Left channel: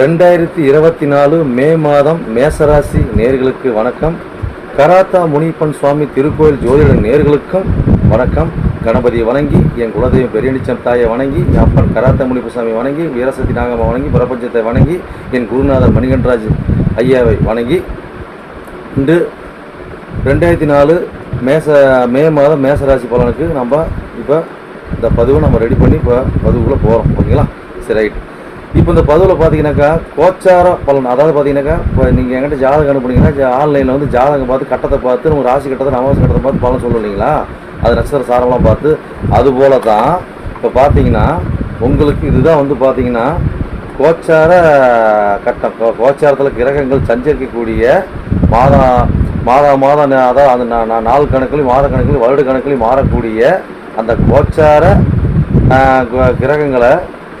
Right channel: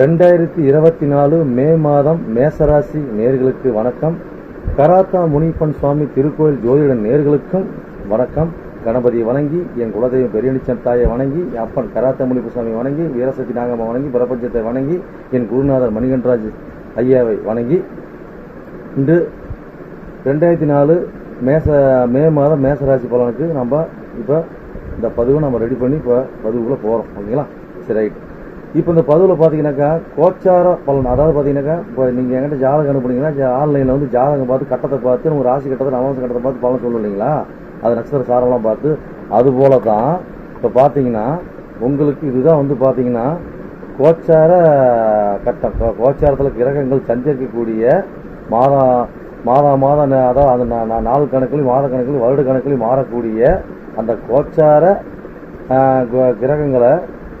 ரெண்டாயிரத்தி இருபத்தி நாலு மே மாதம் மேசராசி நேர்களுக்கு வணக்கம். கராத்தா முனிப்பன் சுவாமி திருக்கோயில் ஜோதிட நேர்களுக்கும் வணக்கம். கணபதியை வணங்கி என் குலதெய்வம் பெரியனிச்சம் தாயை வணங்கி அப்பன் கராத்தா முனிப்பு சுவாமி வணங்கி வீரசக்தி நாகம்மா வணங்கி பிரபஞ்சத்தை வணங்கி என் குருநாதர் மணிகண்டராஜ் ஐயாவை வணங்கி இன்று ரெண்டாயிரத்தி நாலு மேச மே மாதம் மேசராசி பலனுக்கு நம்ம இப்போ இந்த பதிவை நம்ம ரெடி பண்ணி இப்போ பதிவுக்குள்ளே போகிறோம் ஓகேங்களா? சரி ரைட். இப்போ இந்த பதிவில் பார்த்தீங்கன்னாக்கா கோச்சார பலன். அதாவது பார்த்தீங்கன்னாக்கா இப்போ நீங்கள் என்கிட்ட ஜாதகம் அனுப்புனீங்கன்னா ஆன்லைனில் வந்து ஜாதகம் பார்த்து கட்டத்தை பார்த்து உங்கள் ராசி கட்டத்தை நவாசி கட்டத்தை பார்த்து பலன் சொல்லுவோம் இல்லைங்களா அது நட்சத்திர சாரம்லாம் பார்த்து அது போல தான் இப்போ பார்த்தீங்கன்னா உங்களுக்கு இதுதான் வந்து பார்த்தீங்கன்னா கோச்சார கட்டம். கோச்சாரத்தில் கிரகங்கள் சஞ்சரிக்கக்கூடிய மாதா மாதா மாதம் அதாவது அந்த நான் நாள் கணக்குலையும் மாத கணக்குலையும் வருட கணக்குலையும் மாறக்கூடிய அந்த கோச்சார கிரகங்களை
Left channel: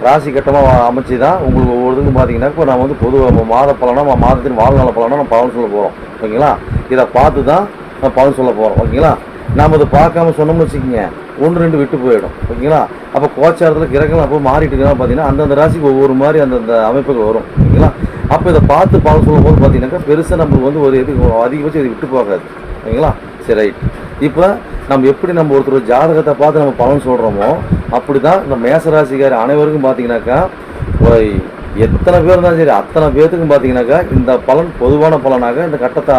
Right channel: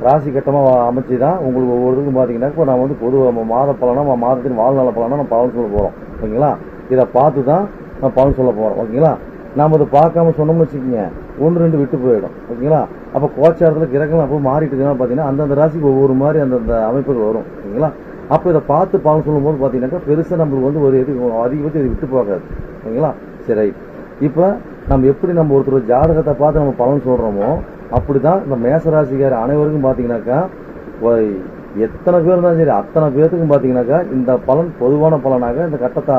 ராசி கட்டமாக அமைச்சு தான் உங்களுக்கு ஒவ்வொருத்துக்கும் பார்த்தீங்கன்னா இப்போ நம்ம வந்து பொது மாத பலனாக மாதத்தின் வாழ்நாள் பலனாக நம்ம பலன் சொல்ல போகிறோம் ஓகேங்களா? இதை பார்த்து தான் நம்ம பலன் சொல்ல போகிறோம் ஓகேங்களா? நாம் இதை பார்க்காம சொன்னோம்னு வச்சுக்கோங்க ஒன்று ரெண்டு விட்டு போயிடும். ஓகேங்களா? அப்போ கோச்சாரத்தில் கிரகங்கள் அப்போ மாறிட்டு இருக்காங்க பார்த்தீங்கன்னா அந்தந்த ராசிக்கு ஒவ்வொரு மாதிரி அந்தந்த அமைப்புகள் வரும். ஓகேங்களா? அப்போ இதை பார்த்து பலன் சொல்லும் போது பார்த்தீங்கன்னாக்கா பெருசாக நம்மளுக்கு வந்து ஒரு இது அதிகபட்சம் இது விட்டு போகாது. ஓகேங்களா? சரி ரைட். இப்போ நம்ம எப்படி நம்ம ஒருத்தர் ஜாதகத்தை பார்த்து நம்ம பலன் சொல்கிறோமோ அப்படி தான் இந்த மேசராசிக்கார் அனைவருக்கும் பார்த்தீங்கன்னாக்கா ஒரு எத்தனை பேர் இருந்தாலும் சரி அத்தனை பேர்த்துக்கும் பார்த்தீங்கன்னாக்கா இந்த பலன் பொதுவான பலனாக இந்த கட்டத்தை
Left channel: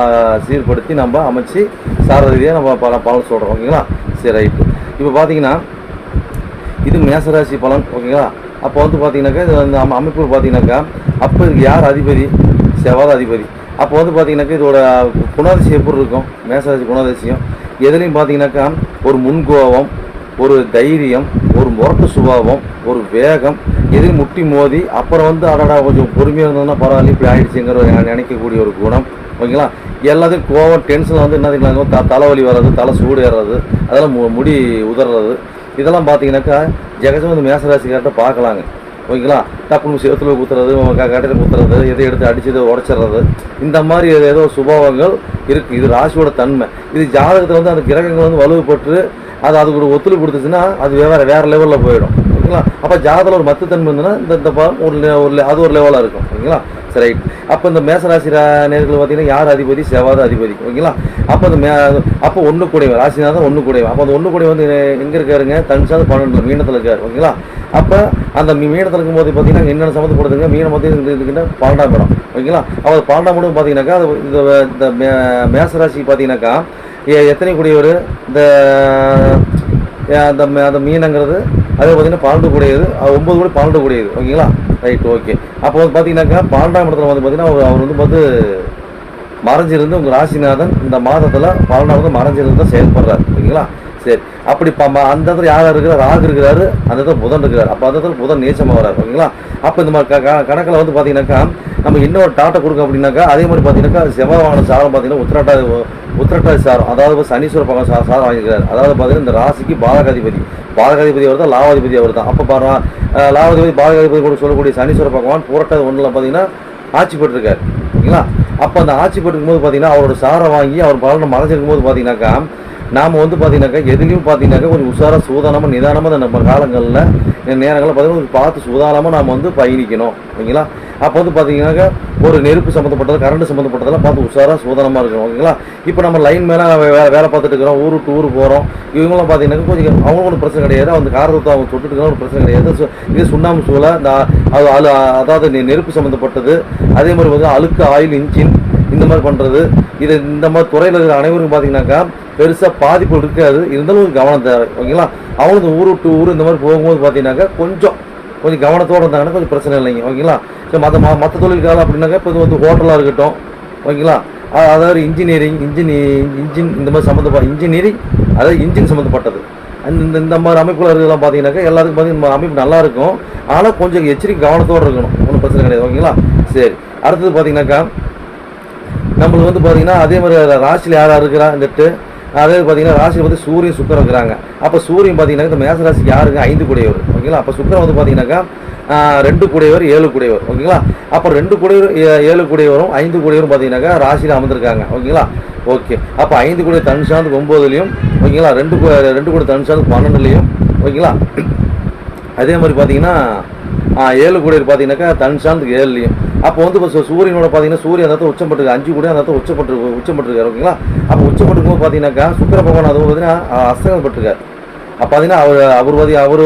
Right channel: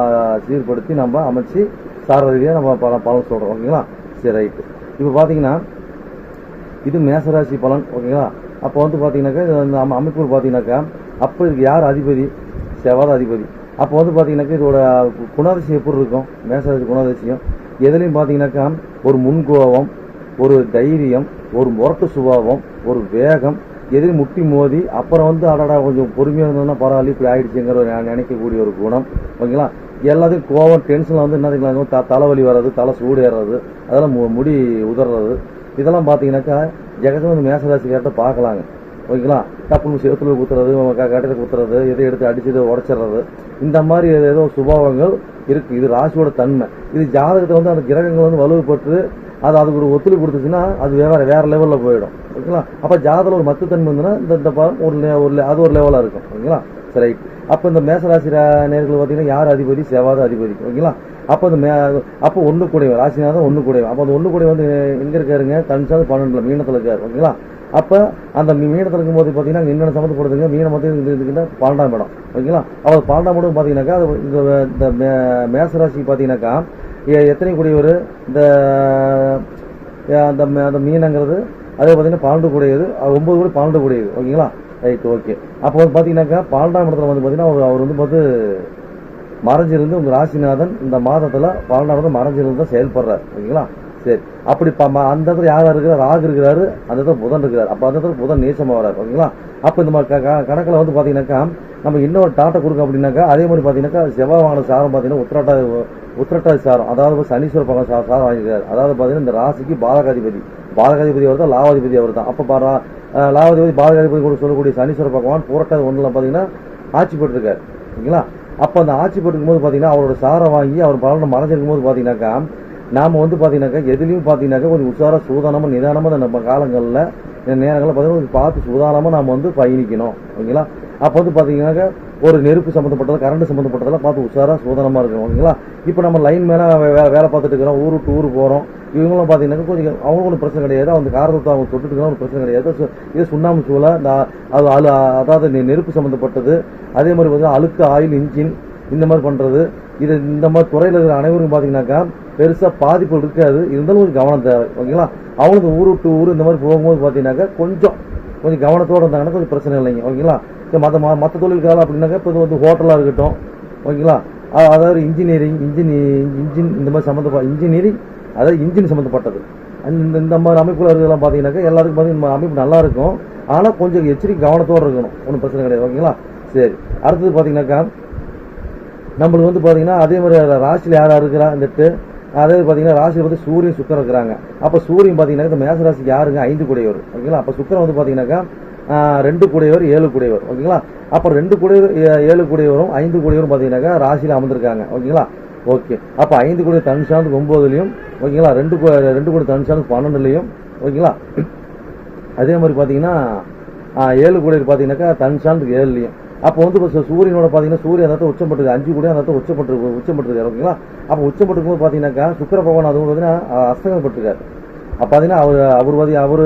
சீர்படுத்தி நம்ம அமைச்சு சாரதியாக நம்ம பல பலன் சொல்கிறோம் ஓகேங்களா? சரி ரைட்டு. இப்போ பார்த்தீங்கன்னா இது மேசராசி பலன் ஓகேங்களா? அப்போ வந்து பார்த்தீங்கன்னாக்கா இது அந்த அம- அமைப்பு பார்த்தீங்கன்னாக்கா அப்போ இதுக்கு யார் அதிபதி? செவ்வாய் அதிபதி. அப்போ வந்து பார்த்தீங்கன்னாக்கா இதோட குணாதிசயம் எப்படி இருக்கும்? மேசராசி குணாதிசயம். எதுலேயும் பார்த்தீங்கன்னாக்கா ஒரு முன்கோபம் ஒரு தைரியம் ஒரு முரட்டு சுபாவம் ஒரு வேகம் எதில் முட்டி மோதி அப்புறம் வந்து அடடா கொஞ்சம் பொறுமையாக இருந்ததுன்னா பரவாயில்ல இப்படி ஆயிடுச்சுங்கிற ஒரு நினைக்கக்கூடிய ஒரு குணம் ஓகேங்களா? எல்லாத்தையும் கோவம் டென்ஷன் வந்து என்ன த தலைவலி வர்றது தலை சூடு ஏறுறது அதெல்லாம் மு- முடி உதறது இதெல்லாம் பார்த்தீங்கன்னாக்கா ஜெகசம் வந்து மேசராசிக்கார்ட்ட பார்க்கலாங்க. ஓகேங்களா? டக்குனு சேத்துல குத்துறது கட்டையில் குத்துறது எதை எடுத்து அடிச்சது உடச்சிடுறது இந்த மாதிரி ஏதோ சுபாவங்கள் இருக்குது இது ராசியோட தன்மை. இது ஜாதகத்தில் வந்து அந்த கிரகங்கள் வந்து வலுவுப்பட்டு அது அதுக்கு ஒரு ஒத்துழைப்பு கொடுத்துச்சுன்னா அது வேற வேற லெவலில் போயிடும். ஓகேங்களா? அப்போ ஜாதகத்தில் ஒரு மத்து தன்மை இருந்ததுன்னா இந்த இந்த ஒரு ஒரு அது ஒரு லெவலாக இருக்கும். ஓகேங்களா? ரைட் அப்போ இந்த மேசராசி நேர்கள் பார்த்தீங்கன்னா யார் அதிபதி? செவ்வாத அதிபதி. ஓகேங்களா? அப்போ இந்த மே அப்போ ஒன்று கூடையவன் ராசிநாதன் ஒன்று கூடையவன் அப்போ அந்த ஒன்று கூடை வந்து எங்கே இருக்காருங்க? தனுசாந்து பன்னெண்டு மீனத்தில் இருக்கார். ஓகேங்களா? அப்போ அந்த மீ- மீனத்தில் இருக்கும்போது பார்த்தீங்கன்னா என்னென்ன சம்மந்தப்படுதுங்க மீனை பார்த்தீங்கன்னா இதுக்குன்னா பன்னெண்டாம் இடம் ஓகேங்களா? அப்போ அது பன்னெண்டாம் இடம் பார்த்தீங்கன்னாக்கா அது இந்த இந்த மே மேசராசி பார்த்தீங்கன்னாக்கா எ- எத்தனை கூடியவர்? இந்த அந்த அந்த மீனங்கிறது அதே பார்த்தீங்கன்னா பன்னெண்டு கூடியது. ஒம்பது ஒன்பது கூட பன்னெண்டு கூடியது. ஓகேங்களா? ரைட் ஓகே அப்போ வந்து பார்த்தீங்கன்னாக்கா பன்னெண்டாம் இடத்துல வந்து பார்த்தீங்கன்னா அவர் அவர் வந்து பார்த்து மறைஞ்சிருந்து உங்கள் ராசிநாதன் இந்த மாதத்தில் பன்னெண்டாம் வந்து மறைஞ்சிருந்து தான் செயல்படுறாரு. ஓகேங்களா? சரி. அப்படி அந்த இடத்துல யாராக இருக்கிறார்? ராகு இருக்கிறாரு. அந்த இடத்துல புதன் இருக்கிறார். அப்போ அந்த இடத்துல புதன் நீச்சமாக வராரு ஓகேங்களா? அப்போ இந்த மாதிரி க- கணக்கில் வந்து பார்த்தீங்கன்னாக்கா நம்ம இன்னொரு டாட்டை கொடுக்க அப்படின்னாக்கா அதே மாதிரி பார்த்தீங்கன்னாக்கா செவ்வாவான சாரம் பார்த்தீங்கன்னா உத்திரட்டா உத்திரட்டாதி சாரம். அதாவது சனீஸ்வர பக்கம் சாரம் சாரம் வாங்கிக்கிறார் அதாவது பார்த்தீங்கன்னா இந்த ராசிக்கு பாலகாதிபதி பாலகாதிபதி அவர் தான் லாவாதிபதி அவர் தான். அப்போ பாரு லாவாதிபதி பாலகாதிபதி கூட சொல்லக்கூடிய சனீஸ்வர பகவான் பூரட்டாதி ஒன்றில் பார்த்தீங்கன்னா ஆட்சி பெற்றிருக்காரு. ஓகேங்களா? அப்போ அந்த ஆட்சி பெற்றிருக்கும் போது பார்த்தீங்கன்னா அவரோட சாரை வாங்கி அவர் பலனை மறைஞ்சிருக்கும் போது பார்த்தீங்கன்னாக்கா நாம் வந்து பார்த்தீங்கன்னாக்கா எதுலேயும் பார்த்தீங்கன்னாக்கா கொஞ்சம் உஷாராக சூதானமாக நிதானமாக நம்ம காலங்களில் நேரங்களில் பார்த்தீங்கன்னா கொஞ்சம் பார்த்து சூதானமாக நாம் வந்து பயணிக்கணும். ஓகேங்களா? அப்போ வந்து பார்த்தீங்கன்னாக்கா ஒரு நெருப்பு சம்மந்தப்பட்டது கரண்ட் சம்மந்தப்பட்டதெல்லாம் பார்த்து உஷாராக சூதானமாக இருக்கணும். ஓகேங்களா? இப்போ நம்ம லைன் மேலே வேலை வேலை பார்த்துட்டு இருக்கிறோம் ஊர் விட்டு ஊர் போகிறோம் இவங்களாம் பார்த்தீங்கன்னாக்கா கொஞ்சம் அவங்களும் ஒன்றும் பிரச்சனை கிடையாது. அந்த காரணத்தை அவங்க தொட்டுட்டு இருக்கிற ஒரு பிரச்சனை கிடையாது. இது சுண்ணாம்பு சூளை இந்த அது அழு அதாவது நெ- நெருப்பு சம்மந்தப்பட்டது அதே மாதிரி வந்து அழுக்கு ஆயில் இன்ஜின் இந்த மாதிரி பண்ணுறது இது இந்த மாதிரி துறையில் இருக்கிற அனைவருக்கும் பார்த்தீங்கன்னாக்கா பெருசாக பாதிப்பு இருக்காது. இருந்தாலும் ஒரு கவனம் தேவை. ஓகேங்களா? அவங்க ஊர் விட்டு ஊர் இந்த மாதிரி போகும்போது பார்த்தீங்கன்னாக்கா கொஞ்சம் கொஞ்சம் கவனத்தோடு இருந்தாங்கன்னா கொஞ்சம் பிரச்சனை இல்லைங்க. ஓகேங்களா? சரி மற்ற மற்ற தொழில்காலம் அப்படின்னாக்கா இப்போ இது வந்து ஹோட்டலாக இருக்கட்டும். ஓகேங்களா? அதாவது இன்ஜினியரிங் இன்ஜினி இன்ஜின் இந்த மாதிரி சம்மந்தப்பட்ட இன்ஜினியரிங் அதாவது இன்ஜின் சம்மந்தப்பட்டது. அந்த இந்த- இந்த மாதிரி அமைப்புல இருக்கிறதெல்லாம் பார்த்தீங்கன்னாக்கா எல்லாத்துக்கும் பார்த்தீங்கன்னா இந்த அமைப்பு நல்லா இருக்கும். ஆனால் கொஞ்சம் எச்சரிக்கை கவனத்தோடு இருக்கணும். ஒன்றும் பிரச்சனை கிடையாது. ஓகேங்களா? சரி. அடுத்தது பார்த்தீங்கன்னாக்கா நம்மளுக்கு வந்து பார்த்தீங்கன்னா அதே மாதிரி ராசியில் யார் யார் இருக்கிறா அதே பார்த்தீங்கன்னா ராசி வந்து சூரியன் சுக்கரம் இருக்கிறாங்க. அப்போ சூரியன் பார்த்தீங்கன்னா இந்த மேச ராசிக்கு யாருங்க? ஐந்து கூடையவர். ஓகேங்களா அப்போ சுக்கரம் வந்து பார்த்தீங்கன்னாக்கா ரெண்டு கூடையவர் ஏழு கூடையவர். ஓகேங்களா அப்போ ரெண்டு கூடையவர் ஏ- ஏழு கூடையவரும் ஐந்து கூடையவரும் பார்த்தீங்கன்னாக்கா ராசியில் அமர்ந்திருக்காங்க. ஓகேங்களா ஓகே அப்போ ஐந்து கூடை தனுஷாந்து ஒம்போதுலையும் ஓகேங்களா ரெண்டு ரெண்டு கூடை தனுஷாந்து பன்னெண்டுலையும் ஓகேங்களா அதே மாதிரி பார்த்தீங்கன்னா ஏழு கோடி பார்த்தீங்கன்னாக்கா தன் சார்ந்து ஏழுலையும் அப்போ வந்து இப்போ சூரியனோட பார்த்தீங்கன்னா சூரியன் அந்த உச்சம் பட்டுருக்கு அஞ்சு கோடி அந்த இடத்துல உச்சப்பட்டு உச்சப்பட்டிருக்காரு ஓகேங்களா? அப்போ உச்சப்பட்டு போது பார்த்தீங்கன்னாக்கா சுக்கிர பகவான் அது பார்த்தீங்கன்னா அஸ்தங்கப்பட்டிருக்காரு அப்போ பார்த்தீங்கன்னா அவர் அவர் வந்து அவர்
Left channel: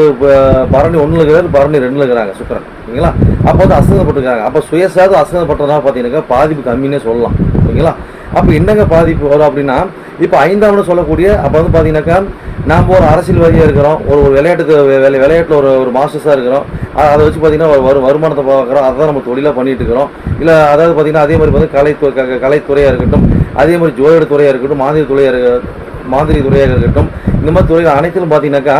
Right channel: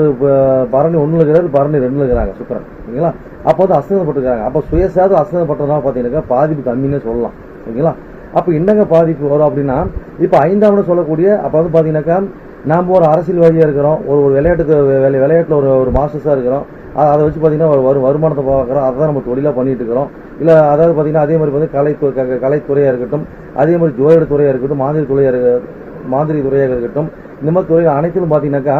பரணி ஒன்றில் இருக்கிறார் பரணி ரெண்டில் இருக்கிறாங்க சுக்கரன். ஓகேங்களா? அப்போ வந்து அசங்கப்பட்டிருக்காங்க அப்போ சுயசாது அசங்கப்பட்டதுனால பார்த்தீங்கன்னாக்கா பாதிப்பு கம்மின்னே சொல்லலாம். ஓகேங்களா? அப்போ என்னங்க பாதிப்பு வரும் அப்படின்னா இப்போ ஐந்தாவதுன்னு சொல்லக்கூடிய அப்போ வந்து பார்த்தீங்கன்னாக்கா நாம் ஒரு அரசியல்வாதியாக இருக்கிறோம் ஒரு ஒரு விளையாட்டு விளை விளையாட்டில் ஒரு ஒரு மாஸ்டர்ஸாக இருக்கிறோம். அதை வச்சு பார்த்தீங்கன்னா ஒரு வருமானத்தை பார்க்குறோம். அதை தான் நம்ம தொழிலாக பண்ணிட்டு இருக்கிறோம். இல்லை அதாவது பார்த்தீங்கன்னா அதே மாதிரி வந்து கலை க- கலைத்துறையாக இருக்கட்டும் அதே மாதிரி ஜோதிட துறையாக இருக்கட்டும் மாதிரி துறையாக இருக்க மாதிரி துறையாக இருக்கட்டும் இந்த மாதிரி துறைகள் அனைத்திலும் பார்த்தீங்கன்னாக்கா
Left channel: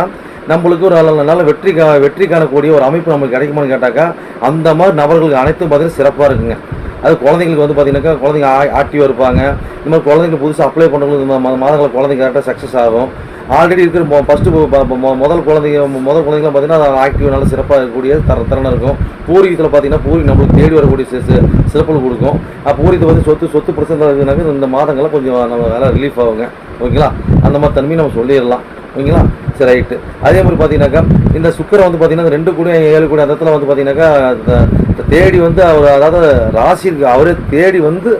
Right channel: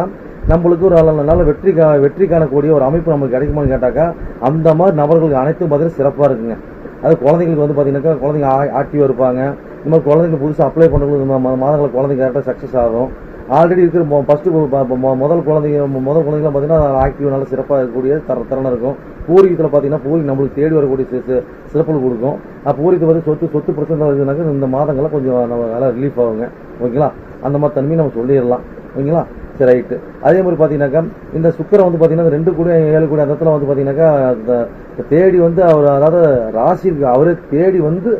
நம்மளுக்கு ஒரு நல்ல- நல்ல வெற்றி கா வெற்றி காணக்கூடிய ஒரு அமைப்பு நமக்கு கிடைக்குமான்னு கேட்டாக்கா அந்த மாதிரி நபர்களுக்கு அனைத்தும் பார்த்தீங்கன்னா சிறப்பாக இருக்குங்க. அது குழந்தைங்களுக்கு வந்து பார்த்தீங்கன்னாக்கா குழந்தைங்க ஆக்டிவாக இருப்பாங்க. இந்த மாதிரி குழந்தைங்க புதுசாக அப்ளை பண்ணுறவங்களுக்கு இந்த மா- மாதங்களில் குழந்தைங்க கரெக்டாக சக்ஸஸ் ஆகும். ஆல்ரெடி இருக்கிற மொ ஃபஸ்ட்டு முதல் குழந்தைங்க முதல் குழந்தைங்களாம் பார்த்தீங்கன்னா ஆக்டிவ் நல்ல சிறப்பாக இருக்கக்கூடிய தர திறனாக இருக்கும். பூர்வீகத்தில் பார்த்தீங்கன்னா பூரி நம்மளுக்கு தேடி வரக்கூடிய சிறப்புகள் கொடுக்கும். அப்போ வந்து சொத்து சொத்து பிரச்சனை இருக்குனாக்க இந்த மாதங்கள்லாம் கொஞ்சம் நம்ம வேலை ரிலீஃப் ஆகுங்க. ஓகேங்களா? அந்த மாதிரி தன்மையை நம்ம சொல்லிடலாம். ஓகேங்களா? சரி ரைட்டு அதே மாதிரி பார்த்தீங்கன்னாக்கா இந்த சுக்கரை வந்து பார்த்தீங்கன்னா ரெண்டு கூட ஏழு கூட அந்த இடத்துல வந்து பார்த்தீங்கன்னாக்கா தேடி வந்து அவர் அதாவது ராசி அவரே தேடி வந்து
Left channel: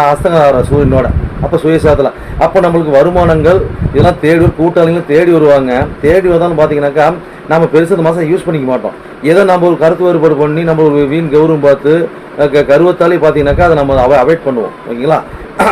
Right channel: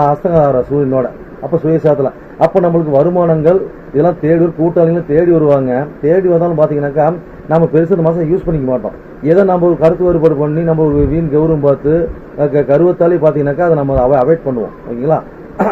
அஸ்தங்க சூரியனோட அப்போ சுயசாதத்தில் அப்போ நம்மளுக்கு வருமானங்கள் இதெல்லாம் தேடி வரும் கூட்டாளிகளும் தேடி வருவாங்க. தேடி வந்தாலும் பார்த்தீங்கன்னாக்கா நம்ம பெருசு இந்த மாதம் யூஸ் பண்ணிக்க மாட்டோம். ஏதோ நம்ம ஒரு கருத்து வேறுபாடு பண்ணி நம்ம ஒரு வீண் கௌரவம் பார்த்து க- கருவத்தாலே பார்த்தீங்கன்னாக்கா அதை நம்ம அவ அவாய்ட் பண்ணுவோம். ஓகேங்களா?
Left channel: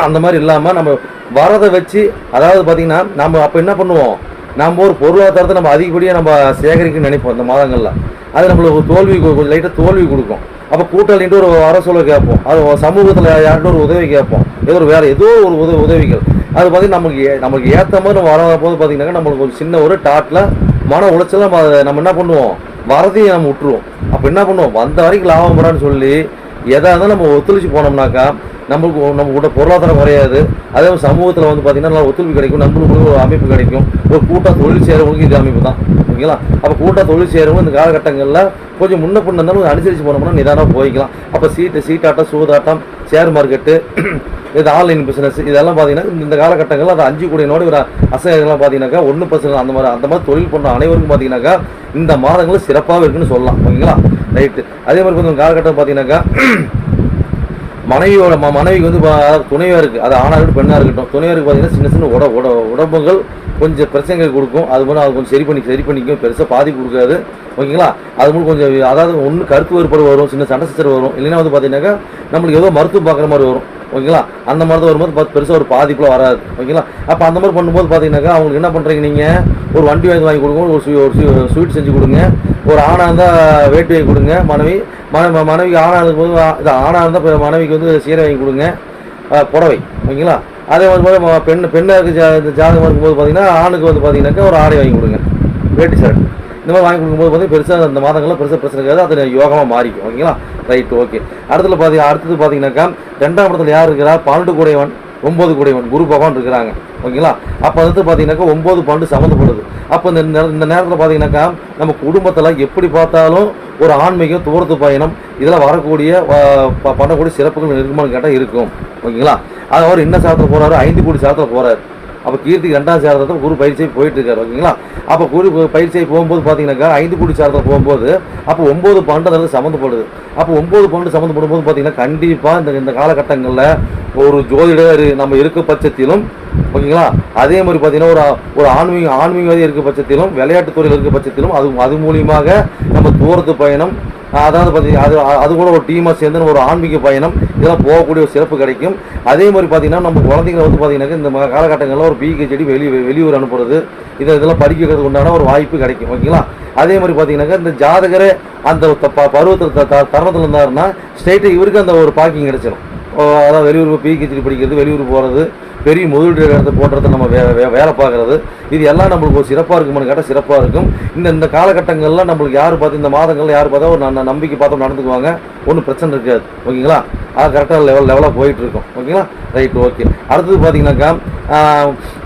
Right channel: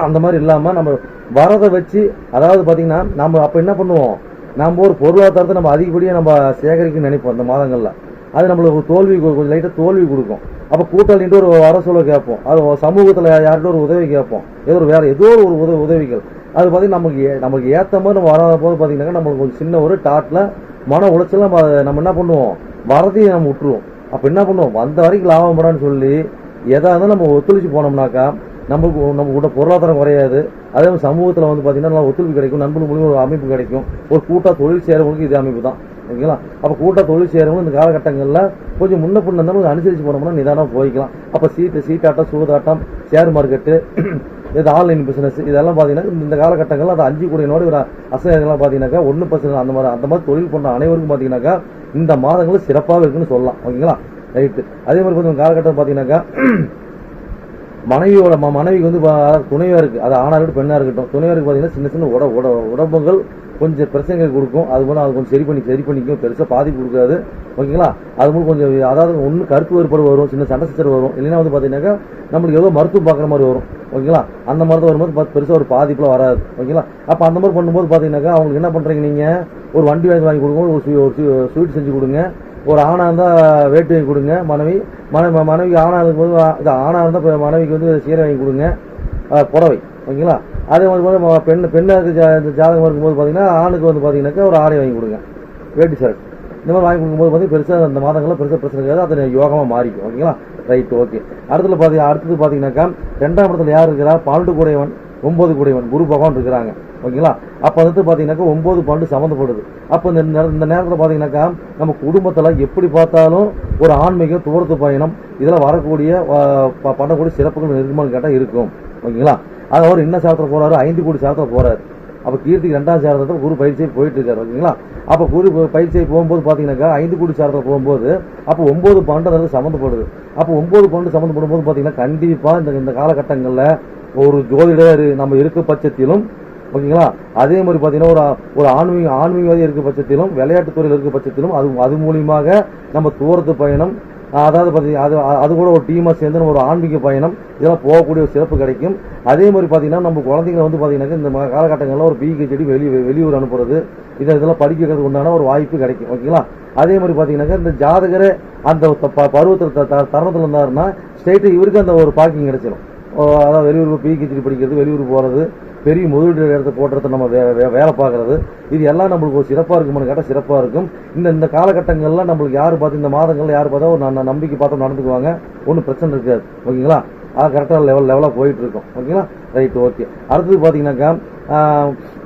அந்த மாதிரி இல்லாமல் நம்ம வரதை வச்சு அதாவது பார்த்தீங்கன்னா நம்ம அப்போ என்ன பண்ணுவோம்? நம்ம ஒரு பொருளாதாரத்தை நம்ம அதிகப்படியாக நம்ம சேகரிக்கணும்னு நினைப்போம் இந்த மாதங்களில். அது நம்மளுக்கு தோல்வி கொஞ்சம் லைட்டாக தோல்வி கொடுக்கும். அப்போ கூட்டாளின்ட்டு ஒரு வர சொல்ல கேட்போம். அது சமூகத்தில் யார்கிட்ட ஒரு உதவி கேட்போம். ஏதோ ஒரு வேறு ஏதோ ஒரு உதவி உதவிகள். அது பார்த்தீங்கன்னா நமக்கு நமக்கு ஏற்ற மாதிரி நம்ம வராத போது பார்த்தீங்கன்னாக்கா நம்மளுக்கு ஒரு சின்ன ஒரு டாட்டில் மன உளைச்சல் நம்ம அதை நம்ம என்ன பண்ணுவோம்? வரதையும் நம்ம விட்டுருவோம். அப்போ என்ன பண்ணுவோம்? வந்த வரைக்கும் லாபம் வரான்னு சொல்லி எதாக இருந்தாலும் நம்ம ஒத்துழைச்சு போனோம்னாக்கா நம்மளுக்கு நம்ம கூட பொருளாதாரம் குறையாது. அதே மாதிரி சமூகத்தில் வந்து பார்த்தீங்கன்னா நல்லா ஒத்துழைப்பு கிடைக்கும் நம்மளுக்கு ஒரு அமைப்பு கிடைக்கும். ஒரு கூட்டம் தொழில் செய்கிறவங்களுக்கு இது அமைப்பு தான். ஓகேங்களா? அப்போ கூட்டம் தொழில் செய்கிறவங்க இந்த காலகட்டங்களில் கொஞ்சம் முன்ன பின்ன இருந்தாலும் அனுசரித்து போனோம்னா நிதானம் போய்க்கலாம். அப்போ சீட்டு சீட்டாட்டம் சூதாட்டம் ஷேர் மார்க்கெட்டு இது ஆன்லைன் பிஸ்னஸ் இதெல்லாம் பார்த்தீங்கன்னா இந்த- காலகட்டங்களில் அது அஞ்சு கோடியினோட நோடு அசைலாம் பார்த்தீங்கன்னாக்கா ஒன்று பர்சன்ட் அந்த மாதிரி அந்த மாதிரி தொழில் பண்ணுற அனைவருக்கும் பார்த்தீங்கன்னாக்கா இந்த மாதங்களும் சிறப்பாக இருக்குன்னு சொல்லலாம். ஓகேங்களா? ரைட்டு அதே மாதிரி பார்த்தீங்கன்னா காலகட்டம் பார்த்தீங்கன்னாக்கா மனைவியோட ம- மனைவிக்கு வந்து துணையாக இருக்குது அது ஆணாக இருக்கட்டும் பெண்ணாக இருக்கட்டும். துணையாக இருக்குது பார்த்தீங்கன்னா சின்ன சின்ன உட உட உடம்புகள் கொஞ்சம் பிரச்சனைகள் கொடுக்கும். அது போல அது கொஞ்சம் சரி பண்ணி சரி பண்ணிக்கும். பெருசாக பாதிப்பு கொடுக்காது. ஓகேங்களா? அது மூலம் கொஞ்சம் அதாவது ஒன்று கருத்து வேறுபாடு வரும் சின்ன சண்டை சச்சரவு வரும். இல்லைன்னா வந்து பார்த்தீங்கன்னாக்கா நம்மளுக்கு ஏதோ மருத்துவம் பார்க்குற மாதிரி வரும். ஓகேங்களா? அந்த மாதிரி தான் வரும்போது பார்த்து பெருசாக ஒரு பாதிப்பில் வராது. ஓகேங்களா? அப்போ அந்த மாதிரி பண்ணும்போது பார்த்தீங்கன்னாக்கா அவங்களுக்கு என்ன பண்ணுறீங்க நீங்கள் ஒரு வண்டி வாங்கி வாங்கி கொடுங்க. ஒரு ஒரு ஸ்வீட் செஞ்சு கொடுங்க. ஒரு ஆணாக இருந்தால் வேட்டி வாங்கி கொடுங்க. மனைவி மன மனைவிக்கு ஆணாக போது இது ஆணாக இருந்தால் மனைவிக்கு வந்து சீரை வாங்கி கொடுங்க. புடவை ஓகேங்களா? அதே மாதிரி பெண் பெண்ணுக்கு ஜா இந்த ஜாதகம் இருக்கும்போது பார்த்தீங்கன்னா ஆணுக்கு வந்து பார்த்தீங்கன்னாக்கா ஒரு ஆடை வாங்கி கொடுங்க. வேட்டி ஷர்ட் இந்த மாதிரி வாங்கி கொடுக்கும்போது பார்த்தீங்கன்னா பெருசாக அந்த மாதங்கள்லாம் பெருசாக பிரச்சனை இருக்காது. அது யோகமாக மாறிக்கும் ஓகேங்களா? ரைட் ஓகே அடுத்தது பார்த்தீங்க அடுத்தது பார்த்தீங்கன்னாக்கா ரெண்டாம் இடத்துல யார் இருக்கிறா? பன்னெண்டு கூடையவன் ஒம்பது கூடையவன் குரு பகவான் இருக்கிறாங்க ஓகேங்களா? அப்போ வந்து பார்த்தீங்கன்னாக்கா ஒம்பது பன்னெண்டு சம்மந்தப்படுது அப்போ இந்த நேர- இந்த நேரத்தில் பார்த்தீங்கன்னாக்கா நம்ம குடும்பத்தில் எப்படி பார்த்தாலும் ஒரு ஆன்மீகம் தூரத்து பயணம் இதெல்லாம் வரக்கூடிய ப- பண்ணக்கூடிய சிறப்புகள் இருக்குமான்னு கேட்டால் இருக்கும். ஓகேங்களா? அது அவர் என்ன சாதத்தில் போகிறாரு ஐந்து கோடி சாதத்தில் போகிறாரு அப்போ கீர்த்திக்கு ரெண்டாம் சாரத்தில் குரு பயிற்சியை போயிட்டு இருக்காரு ஓகேங்களா? அப்போ குரு பயிற்சியை போகும்போது பார்த்தீங்கன்னாக்கா ஐந்து குடி சாரத்தில் போகும்போது அப்போ ஒம்பது பன்னெண்டு அதில் சம்மந்தப்படுது. அப்போ ஒம்பது பன்னெண்டு சம்மந்தப்படும் போது பார்த்தீங்கன்னா கண்டிப்பாக இந்த இந்த காலகட்டங்களில் ஒரு ஜோதிடர் நம்ம இருக்க பட்சத்திலும் ஓகேங்களா? அதே மாதிரி பார்த்தீங்கன்னா ஒரு ஒரு ஆன்மீக ஆன்மீகவாதி இருக்க பட்சத்திலும் விளையாட்டுத் துறையில் இருக்க பட்சத்திலும் அது அது மூலியமாக நம்ம தூரத்து பயணம் அதாவது பார்த்தீங்கன்னா அது அது கூட ஒரு டீமாக சேர்ந்து ஒரு ஆன்மீக பயணம் இதெல்லாம் போகக்கூடிய ஒரு சிறப்பு கிடைக்கும். அதே மாதிரி பார்த்தீங்கன்னா நம்ம குழந்தைங்களை வந்து பார்த்தீங்கன்னா இந்த காலகட்டங்களில் ஒரு பிஹெச்டி வெளி வெளியூர் அனுப்புறது இதை இதெல்லாம் படிக்கிறதுக்கு உண்டான ஒரு வாய்ப்பு கிடைக்கும் ஓகேங்களா? அதே மாதிரி பார்த்தீங்கன்னாக்கா இந்த ஜாதகர் அந்த ப- பருவத்தில் த- தருணத்தில் இருந்தாருன்னா ஸ்டேட்டு இவருக்கு அந்த ஒரு பாக்கிங் கிடைச்சிடும் ஓ, அதாவது வெளியூர் பிஹெச்டி படிக்கிறது வெளியூர் போகிறது பெரிய முதலீடு இடத்தை போடுறது நம்ம வே வே- வேலை பார்க்குறது. இது எல்லாம் நம்மளுக்கு ஒரு சிறப்பாக இருக்குமான்னு கேட்டால் சிறப்பாக இருக்கும். இந்த இந்த காலகட்டங்கள்லாம் நம்மளுக்கு யார் பார்த்து இந்த மாதங்கள்ல யார் பார்த்தா ஒரு ந- நம்பிக்கை பார்த்து நடந்துக்குவாங்க. ஒன்றும் பிரச்சனை இருக்காது. ஓகேங்களா? அது கரெக்டாக லெவல் லெவலாக போயிட்டு இருக்கும். ஓகேங்களா? ரைட் ஓகே அடுத்தது பார்த்தீங்கன்னாக்கா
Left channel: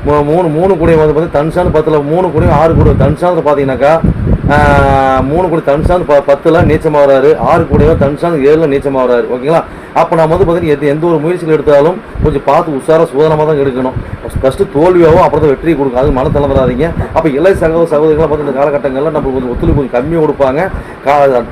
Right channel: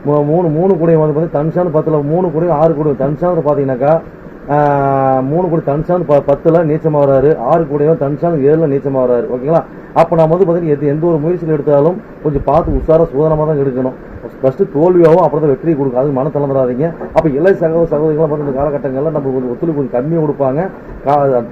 மூ- மூணு மூணு கூடையும் வந்து பார்த்தீங்கன்னா தன்சான் பத்தில் மூணு குடியும் ஆறு கூட தன்சானில் பார்த்தீங்கன்னாக்கா மூணு கோடி தனுசாந்து ப பத்தில் நீச்சமாக வராரு ஆறு கோடியோ தனுசாந்து ஏழில் நீச்சமாக வராரு ஓகேங்களா? அப்போ நம்ம வந்து பார்த்தீங்கன்னா எது எந்த ஒரு முயற்சிகள் எடுத்தாலும் கொஞ்சம் பார்த்து உஷாராக சூதனமாக தான் எடுக்கணும். ஃபஸ்ட்டு தோல்வியாகவும் அப்புறம் தான் வெற்றி கொடுக்கும். அது மன தளர்ந்துடாதீங்க அப்போ இளைய சகோதர சகோதரிகளாக பார்த்து இந்த காலகட்டங்களில் நம்ம கொஞ்சம் ஒத்துழைப்பு கொஞ்சம் கம்மியாக கொடுப்பாங்க.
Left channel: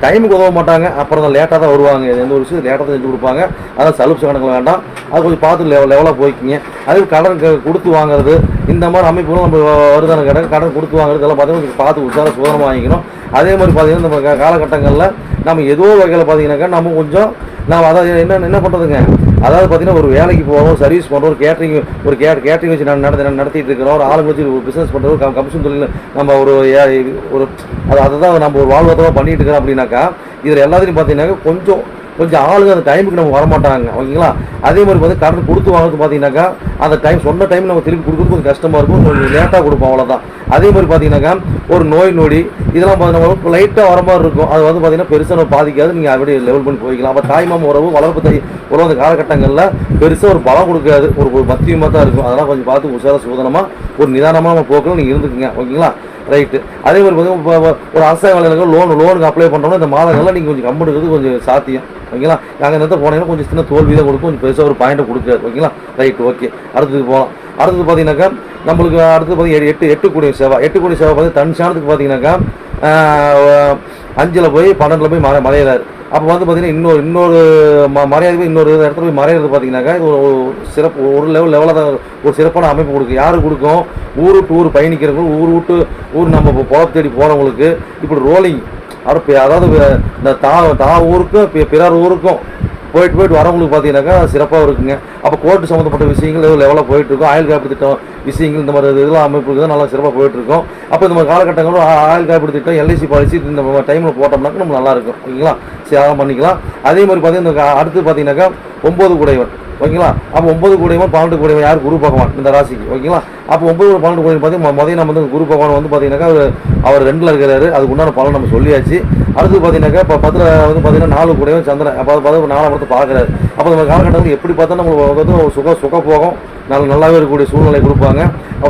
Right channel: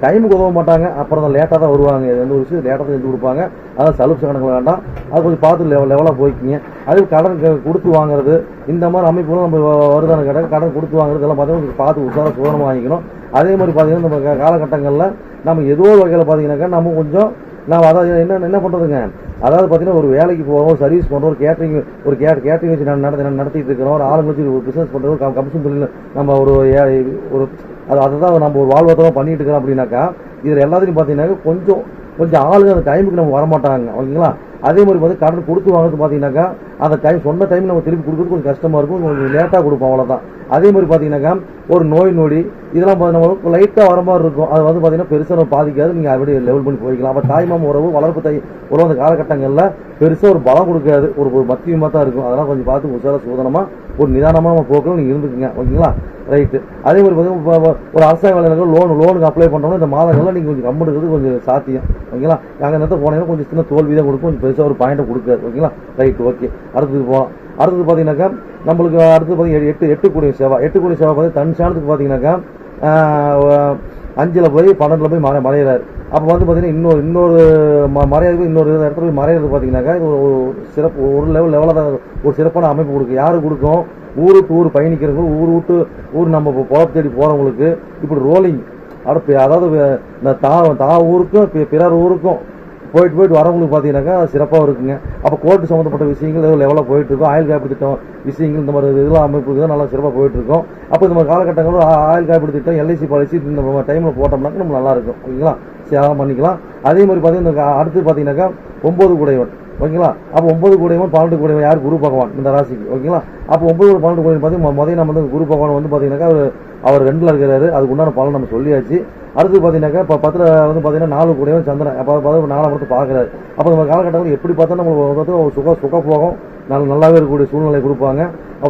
டைமுக்கு உதவ மாட்டாங்க. அப்புறம் தான் லேட்டாக தான் வருவாங்க. எந்த ஒரு விஷயம் லேட்டாக தான் செஞ்சு கொடுப்பாங்க. அதான் சலுப்பு கணக்கில் வேண்டாம். அது கொஞ்சம் பார்த்து லெவல் லெவலாக போய்க்கிங்க. அது கடன் கொடுத்து வாங்குறது இந்த மாதிரி அமைப்புகளும் நம்ம வருதான கடன் கடன் கொடுத்து வாங்குறது இதெல்லாம் பார்த்தீங்கன்னா பார்த்து உசார சுதந்திரம் வாங்கிக்கணும். அதே மாதிரி பார்த்தீங்கன்னா நம்ம காலகட்டங்களில் நம்ம ஏதோ வகையில் பார்த்தீங்கன்னாக்கா நம்ம கொஞ்சம் நாம் அதாவது என்ன என்ன பண்ணுறதுங்க அதாவது பார்த்தீங்கன்னா ஒரு வேலைக்கு போகிறோம் சர்வீஸ் பண்ணுறோம் ஒரு கேட்டரிங் ஒரு கே கேட்டரிங் வச்சு நான் நடத்தி நடத்திட்டு இருக்கிறோம் ஒரு ஆளுங்க வச்சு ஒரு பிஸ்னஸ் பண்ணுறோம் கம் கமிஷன் தொழில் நம்ம ஒரு ஏ- ஒரு அது அதை தான் நம்ம ஒரு வாழ்வாதாரம் பண்ணிட்டு இருக்கிறோம் அப்படின்னாக்கா இதில் எல்லாத்துலையும் பார்த்தீங்கன்னாக்கா கொஞ்சம் கொஞ்சம் ஆளுங்க அந்த டைமுக்கு நம்ம வரமாட்டாங்க ஓகேங்களா? அதே மாதிரி வந்து கடன் கொடுத்து வாங்குறது பார்த்தீங்கன்னாக்கா அந்த டைம் சொன்ன டைம் நம்ம திரும்பி கொடுக்குறது கொஞ்சம் கஷ்டமாக இருக்கும் கொஞ்சம் லேட்டாக கொடுப்போம் அவ்வளோதான் அதே மாதிரி பார்த்தீங்கன்னாக்கா ஒரு நோய் நொடி இதெல்லாம் பார்த்தீங்கன்னா லைட்டாக வர மாதிரி இருக்கும். அது வந்து பார்த்தீங்கன்னா பெருசாக நம்ம பாதிக்காது நீங்கள் அப்படியே லெவல் பண்ணி போய்க்கலாம். அப்போ தாய்மாம உறவு வளர்ப்பு தை உறவு அந்த காலகட்டங்களில் பெருசாக ஒரு பலம் கொடுக்காது. ஒரு ஒரு மத்தியமாக தான் இருக்கும். அதெல்லாம் கொஞ்சம் பார்த்து உஷார சோதனமாக ஒரு நிதானமாக நம்ம போக்கில் நீங்கள் இருந்துக்குங்க ஓகேங்களா? ரைட்டு அதே மாதிரி பார்த்தீங்கன்னா இப்போ ஒரு அரசாங்க வேலைகளுக்கு லோன் லோனுக்கு அப்ளை பண்ணுறோம்னா இந்த மாதங்கள்லாம் நீங்கள் கொஞ்சம் கம்முடுக்கிறது கொஞ்சம் சாத்தியம். ஓகேங்களா நாங்கள் நேரத்தில் போனீங்கன்னா கொஞ்சம் சின்ன தோல்வி தான் கொடுக்கும். கொஞ்சம் பெருசாக ஒரு பாயிண்ட்டை கொடுக்காது. ஓகேங்களா ரைட் ஓகே அடுத்தது போகலாம் அடுத்தது பார்த்தீங்கன்னாக்கா நம்மளுக்கு அடுத்து பார்த்தீங்கன்னா எட்டு எட்டு கோடி சேவை. எட்டு கோடி சேவை பார்த்தீங்கன்னா தன்சானத்துக்கு பார்த்தீங்கன்னாக்கா அஞ்சில் போய் பன்னெண்டில் போய் மறை மலையிறார் அப்போ வந்து பார்த்தீங்கன்னா இன்னொரு இன்னொரு ம மறையாது இன்னொரு இடத்துல போய் மறையிறது பார்த்தீங்கன்னாக்கா இது ஒரு சிறப்பு ஒரு லெவல் லெவலாக தான் ஒரு சிறப்பான அமைப்பு கொடுக்கும். யாரு கொடுக்கும்? ஊர் விட்டு ஊர் பயணிக்கிறவங்க ஊர் விட்டு ஊர் நம்ம இப்போ பொழப்பு தேடி போகிறவங்களுக்கு இப்படி ரோலிங் அதாவது அதாவது இந்த தா தா ஊருக்கும் பி- பிறர் ஊருக்கும் போயிட்டு போயிட்டு வரவங்களுக்கு பார்த்தீங்கன்னாக்கா சிறப்பாக இருக்குங்க. அப்போ கோர்ட்டு சம்மந்தப்பட்ட விஷயங்கள் எதுவும் லெவலாக போயிட்டுருக்கும். ஆயுள் காப்பீடு திட்டம் விஷயங்கள் இந்த மாதிரி இதெல்லாம் அமைப்புக்கு தான் நல்லா சிறப்பாக போயிட்டுருக்கும். அப்போ இந்த மாதிரி காலகட்டங்களும் ஆ- ஆயுள் காப்பீடு திட்டம் எல்ஐசி பாலிசி இந்த டைமில் போட்டோம்னாக்க நம்ம நல்லாயிருக்கும் ஓகேங்களா? தியாகம் பண்ணிக்கலாம். அதே மாதிரி பார்த்தீங்கன்னா அடுத்து பார்த்தீங்கன்னாக்கா ஒன்பது குடைவன் ஓகேங்களா? அப்போ ஒன்பது கூடையவன் பன்னெண்டு கூடையவன் யார்? குரு பகவான் இந்த ராசிக்கு ஓகேங்களா? அப்போ ஒன்பது கூட பன்னெண்டு கூடையவன் பார்த்தீங்கன்னா முதல்ல நம்ம வந்து குரு பகவான் வந்து பார்த்தீங்கன்னாக்கா அவர் அவர் ரெண்டில் இருக்கிறாரு அதுக்கு உண்டான பலன் நம்ம சொல்லியாச்சு. அடுத்து பார்த்தீங்கன்னாக்கா இப்போ பத்தில் வந்து பார்த்தீங்கன்னா நாலு கூடையவன் சந்திரன் அப்போ பார்த்து நாலாம் இடத்தை பார்க்குறாரு அப்போ நம்ம காலகட்டத்தில் எப்படி பார்த்தா நம்மளுக்கு வந்து சுக சுக போகும் நல்ல நல்லாவே இருக்கக்கூடிய சூழ்நிலை கொடுப்பாங்க.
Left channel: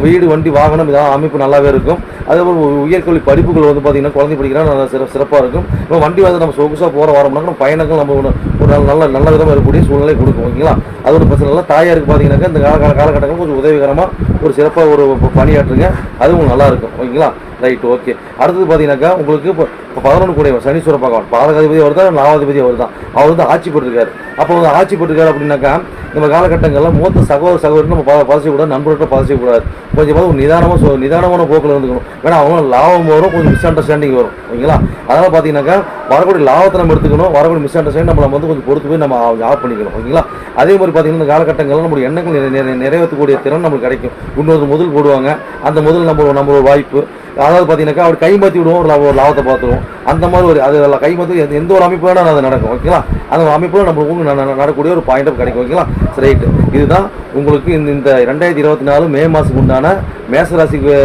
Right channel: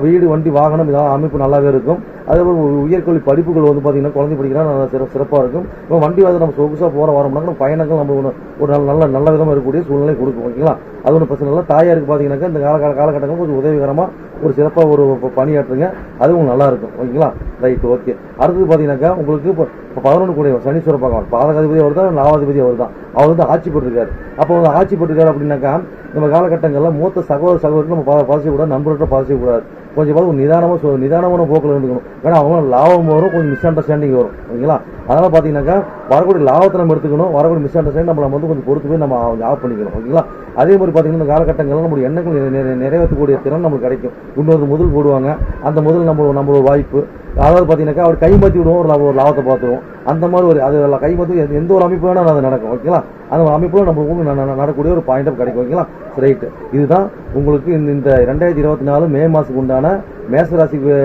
வீடு வண்டி வாகனம் இதெல்லாம் அமைப்பு நல்லாவே இருக்கும். அதே போல் உயர்கல்வி படிப்புகள் வந்து பார்த்தீங்கன்னா குழந்தை படிக்கிறா நல்லா சிற சிறப்பாக இருக்கும். இப்போ வண்டி வந்து நம்ம சொகுசாக போகிற வாரம்னாக்க நம்ம பயணங்கள் நம்ம ஒரு நல்ல நல்ல நல்ல விதமாக இருக்கக்கூடிய சூழ்நிலை கொடுக்கும் ஓகேங்களா? அது ஒரு பிரச்சனை இல்லை. தாயாருக்கு பார்த்தீங்கன்னாக்கா இந்த கால கால காலகட்டங்கள் கொஞ்சம் உதவிகரமாக ஒரு சிறப்பாக ஒரு பணியாற்றுங்க. அது உங்களுக்கு நல்லா இருக்கும் ஓகேங்களா? ரைட் ஓகே அடுத்தது பார்த்தீங்கன்னாக்கா உங்களுக்கு இப்போ இப்போ பதினொன்று கூட சனீஸ்வர பகவான் பாதகாதிபதி அவர் தான் நாவாதிபதி அவர் தான் அவர் வந்து ஆட்சி பெற்றிருக்காரு. அப்போ வந்து ஆட்சி பெற்றிருக்காரு அப்படின்னாக்கா நம்ம காலகட்டங்களில் மூத்த சகோதர சகோதரி நம்ம ப- பதச்சக்கூடாது நண்பர்கிட்ட கொஞ்சம் கொஞ்சமாக ஒரு நிதானமாக சொ நிதானமான போக்கில் இருந்துக்கணும். ஏன்னா அவங்க லாபம் வரும் கொஞ்சம் மிஸ் அண்டர்ஸ்டாண்டிங் வரும். ஓகேங்களா? அதனால் பார்த்தீங்கன்னாக்கா வரக்கூடிய லாபத்தை நம்ம எடுத்துக்கணும் வரக்கூடிய மிஸ் அண்டர்ஸ்டாண்டிங் நம்ம வந்து கொஞ்சம் பொறுத்து போய் நம்ம ஆஃப் பண்ணிக்கணும். ஓகேங்களா? அதே மாதிரி பார்த்தீங்கன்னா இந்த காலகட்டங்களில் நம்மளுடைய எண்ணங்கள் நிறைவேற்றக்கூடிய திறன் நமக்கு கிடைக்கும். இன்னொரு முதல் போடுவாங்க. அந்த முதல் நம்ம நம்மளோட வாய்ப்பு. அதாவது பார்த்தீங்கன்னாக்கா அவர் கைமாற்றி விடுவோம் ஒரு ஒரு லாபத்தை பார்த்துருவோம். அந்த மாதிரி ஒரு அது எல்லாம் கைமாற்றி எந்த- எந்த ஒரு அமைப்பு வேணாலும் அது நடக்கும் ஓகேங்களா அந்த ஒரு அமைப்பு நம்ம நடக்கக்கூடிய ஒரு பாயிண்ட் கிடைக்கும் ஓகேங்களா ரைட்டு இதுதான் உங்களுக்கு இந்த இந்த ரெண்டாயிரத்தி இருபத்தி நாலு மே மாதத்துக்கு உண்டான மேசராசிக்கு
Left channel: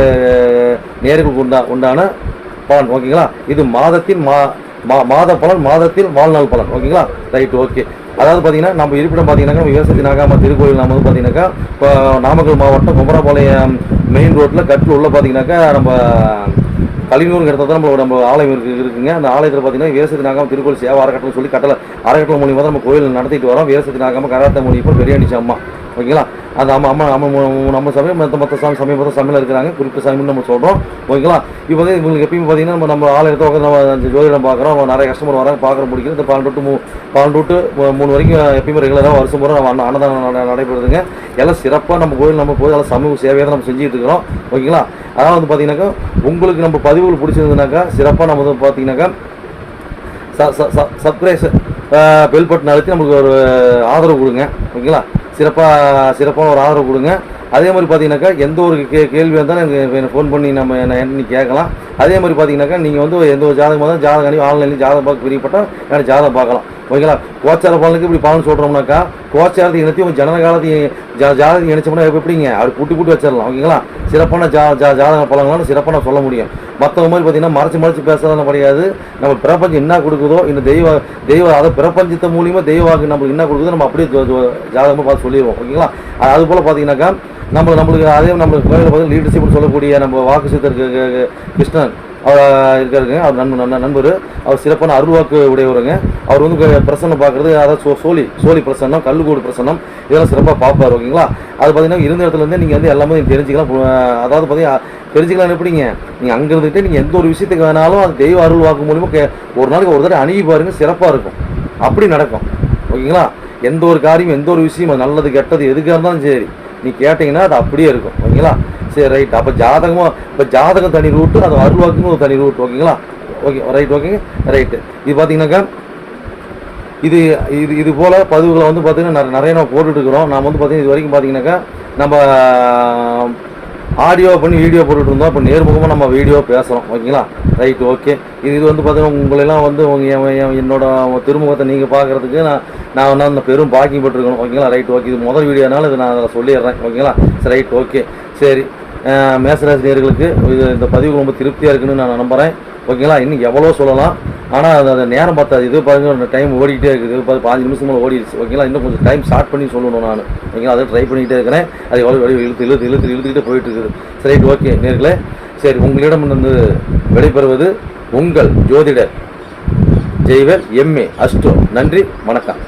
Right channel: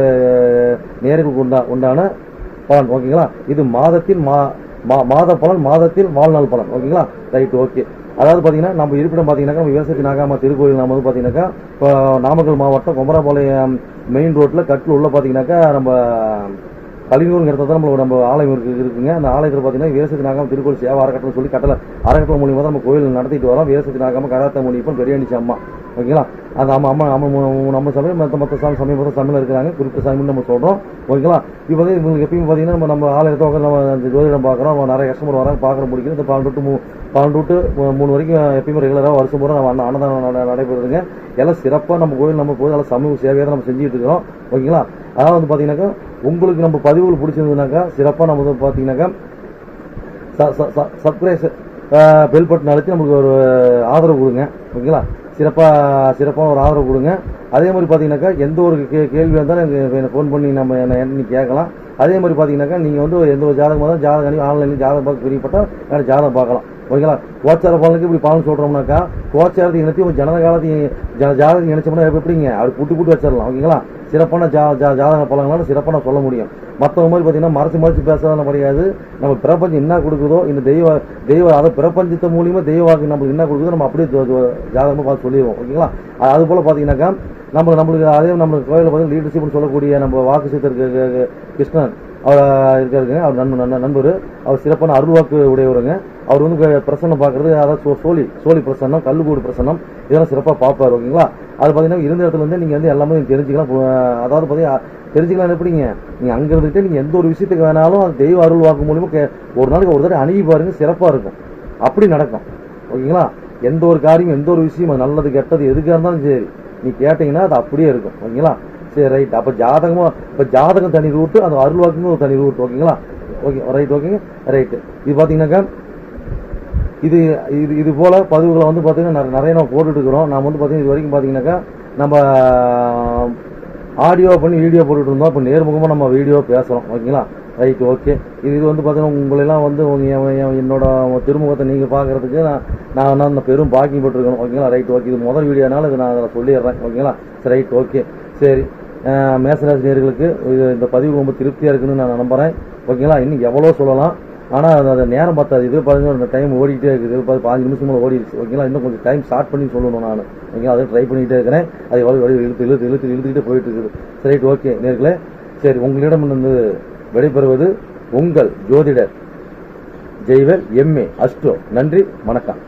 நேர்களுக்கு உண்டா உண்டான பலன் ஓகேங்களா இது மாதத்தின் மா மா- மாத பலன் மாதத்தில் வாழ்நாள் பலன் ஓகேங்களா ரைட் ஓகே அதாவது பார்த்தீங்கன்னா நம்ம இருப்பிடம் பார்த்தீங்கன்னா நம்ம விவசாயத்தி நாகாம திருக்கோயில் நம்ம வந்து பார்த்தீங்கன்னாக்கா இப்போ நாமக்கல் மாவட்டம் குமரபாளையம் மெயின் ரோட்டில் கட்டில் உள்ள பார்த்தீங்கன்னாக்கா நம்ம கலினூருங்கிற இடத்துல தான் நம்ம நம்ம ஆலயம் இருக்கு இருக்குங்க. அந்த ஆலயத்தில் பார்த்தீங்கன்னா வீரசத்தி நாகாம திருக்கோயில் சேவை அறக்கட்டளை சொல்லி கட்டளை அறக்கட்டளை மூலியமாக தான் நம்ம கோயில் நடத்திட்டு வரோம். வீரசத்தி நாகாம கராத்த இப்போ பெரியாணி அம்மா. ஓகேங்களா? அது ஆமாம் அம்மா நம்ம நம்ம சமயம் மற்ற மற்ற சாமி சமயம் மொத்த சமையல் இருக்கிறாங்க. குறிப்பிட்ட சாமின்னு நம்ம சொல்கிறோம் ஓகேங்களா? இப்போ வந்து இவங்களுக்கு எப்பயும் பார்த்தீங்கன்னா நம்ம நம்ம ஆள் எடுத்து உட்காந்து நம்ம அந்த ஜோதிடம் பார்க்குறோம். நிறைய கஸ்டமர் வராங்க. பார்க்குற பிடிக்கும். இந்த பன்னெண்டு டு மூ பன்னெண்டு டு மூணு வரைக்கும் எப்பயுமே ரெகுலராக வருஷம் முறை நம்ம அன்னதானம் நட- நடைபெறுதுங்க. எல்லாம் சிறப்பாக நம்ம கோயில் நம்ம போய் எல்லாம் சமூக சேவையை தான் நம்ம செஞ்சுட்டு இருக்கிறோம். ஓகேங்களா? அதாவது வந்து பார்த்தீங்கன்னாக்கா உங்களுக்கு நம்ம பதிவுகள் பிடிச்சிருந்ததுனாக்கா சிறப்பாக நம்ம வந்து பார்த்தீங்கன்னாக்கா சப்ஸ்கிரைஸ் பெல் பட்டன் அழுத்தி நம்மளுக்கு ஒரு ஆதரவு கொடுங்க. ஓகேங்களா? சிறப்பாக சிறப்பான ஒரு ஆதரவு கொடுங்க. அதே மாதிரி பார்த்தீங்கன்னாக்கா எந்த ஒரு கே கேள்வி இருந்தாலும் எனக்கு ஃபோன் பண்ணி நம்ம என்ன என்ன கேட்கலாம். அதே மாதிரி பார்த்தீங்கன்னாக்கா நீங்கள் வந்து எந்த ஒரு ஜாதகம் இருந்தாலும் ஜாதகம் அணி ஆன்லைன்லேயும் ஜாதகம் பார்க்க பிரியப்பட்டால் எனக்கு ஜாதகம் பார்க்கலாம். ஓகேங்களா கோச்சார பலனுக்கு இப்படி பலன் சொல்கிறோம்னாக்கா கோச்சாரத்தை இணைத்தையும் ஜனன காலத்தையும் ஜா ஜாதகம் இணைச்சோம்னா எப்படிங்க? அப்படி கூட்டி கூட்டி வச்சிடலாம். ஓகேங்களா சிறப்பான ஜா ஜா ஜாதக பலன்களாம் சிறப்பான சொல்ல முடியும். மற்றவங்க மாதிரி பார்த்தீங்கன்னா மறைச்சு மறைச்சு பேசுறதுலாம் கிடையாது. நம்ம பிரபஞ்சம் என்ன கொடுக்குதோ இந்த தெய்வ தெய்வ அதை பிரபஞ்சத்தை மூலியமாக தெய்வாக்கு நம்மளுக்கு என்ன கொடுக்குதோ நம்ம அப்படியே ஜாதகமாக பார்த்து சொல்லிடுவோம் ஓகேங்களா? அது அது போல் பார்த்தீங்கன்னாக்கா நம்ம நம்மளுக்கு அதே நம்மளுக்கு கோயிலில் பார்த்தீங்கன்னா லீடர்ஷிப்னு சொல்லக்கூடிய நம்ம வாக்கு சித்தர் கிருஷ்ணன் அவர் இருக்காருங்க. அவர் நண்பர் நண்பர் நண்பர். அவர் சிறப்பான அருள்வாக்கு உடையவருங்க. அவர் வந்து க- பிரசன்னம் பார்க்குறது அதாவது சோ சோழி சோழி பிரசன்னம் கல்லுக்கூடு பிரசன்னம் இதெல்லாம் சிறப்பாக பார்ப்பார் ஓகேங்களா? அது பார்த்தீங்கன்னா இருந்த இடத்துல இருந்தே நீங்கள் வந்து எல்லாமே தெரிஞ்சுக்கலாம். அதாவது பார்த்தீங்கன்னா தெரிஞ்சுக்கலாம் எப்படிங்க? நீங்கள் அங்கே இருந்துகிட்டே நீங்கள் எந்த ஒரு விஷயத்துக்கு வேணாலும் அது தெய்வ அருள் வாக்கு கே ஒரு நாளைக்கு ஒரு தடவை அணுகி பாருங்க சிறப்பாக இருக்கும். அப்படி நடக்கும் ஓகேங்களா? எந்த ஒரு காரியம் எந்த ஒரு விஷயம் அது நல்லது கெட்டது எதுக்காக இருந்தாலும் சரி நீ கேட்டிங்கன்னா அது அப்படியே இருக்கும். ஓகேங்களா? சரி ரைட் அப்போ ஜாதகமும் இப்போ ஜாதகம் தனி ரூட்டு அது அருள்வாக்குன்னு ஒரு தனி ரூட் ஓகேங்களா? ஓகே ரைட் ஓகேங்க ரைட்டு இது பார்த்தீங்கன்னாக்கா இது இது இது போல் பதிவுகளை வந்து பார்த்தீங்கன்னா நிறைய- நிறைய நம்ம போட்டுட்டு இருக்கிறோம். நாம் வந்து பார்த்தீங்கன்னா இது வரைக்கும் பார்த்தீங்கன்னாக்கா நம்ம ஆடியோ பண்ணி வீடியோ போட்டுட்டு இருந்தோம். இப்போ நேர்முகமாக நம்ம வீடியோ பேசுகிறோம் ஓகேங்களா? ரைட் ஓகே இது இது வந்து பார்த்தீங்கன்னா உங்களெல்லாம் வந்து உங்கள் என் என் என்னோட திருமுகத்தை நீங்கள் பார்க்குறதுக்கு நான் நான் வந்து அந்த பெரும் பாக்கியம் போட்டுருக்கணும் ஓகேங்களா? ரைட் ஓகே இது முதல் வீடியோனால இது நான் சொல்லிடுறேன். ஓகேங்களா? சரி ரைட் ஓகே சரி. மேசராசி நேர்களுக்கு இது இந்த பதிவு ரொம்ப திருப்தியாக இருக்குன்னு நான் நம்புகிறேன் ஓகேங்களா? இன்னும் எவ்வளோ சொல்லலாம். ஆனால் அது அந்த நேரம் பார்த்தாது. இது பாருங்க டைம் ஓடிக்கிட்டே இருக்குது. பார்த்து பாஞ்சு நிமிஷம் மேலே ஓடிடுச்சு. ஓகேங்களா? இன்னும் கொஞ்சம் டைம் ஸ்டார்ட் பண்ணி சொல்லணும் நான். ஓகேங்களா? அதை ட்ரை பண்ணிக்கிட்டே இருக்கிறேன். அது எவ்வளோ வெளியே இழுத்து இழுத்து இழுத்து இழுத்துக்கிட்டே போயிட்டு இருக்குது சரி ஓகே நேர்களே. சரி உங்களிடம் வந்து விடைபெறுவது உங்கள் ஜோதிடர் ஜெய்வர் எம்ஏ அஷ்டோ நன்றி வணக்கம்.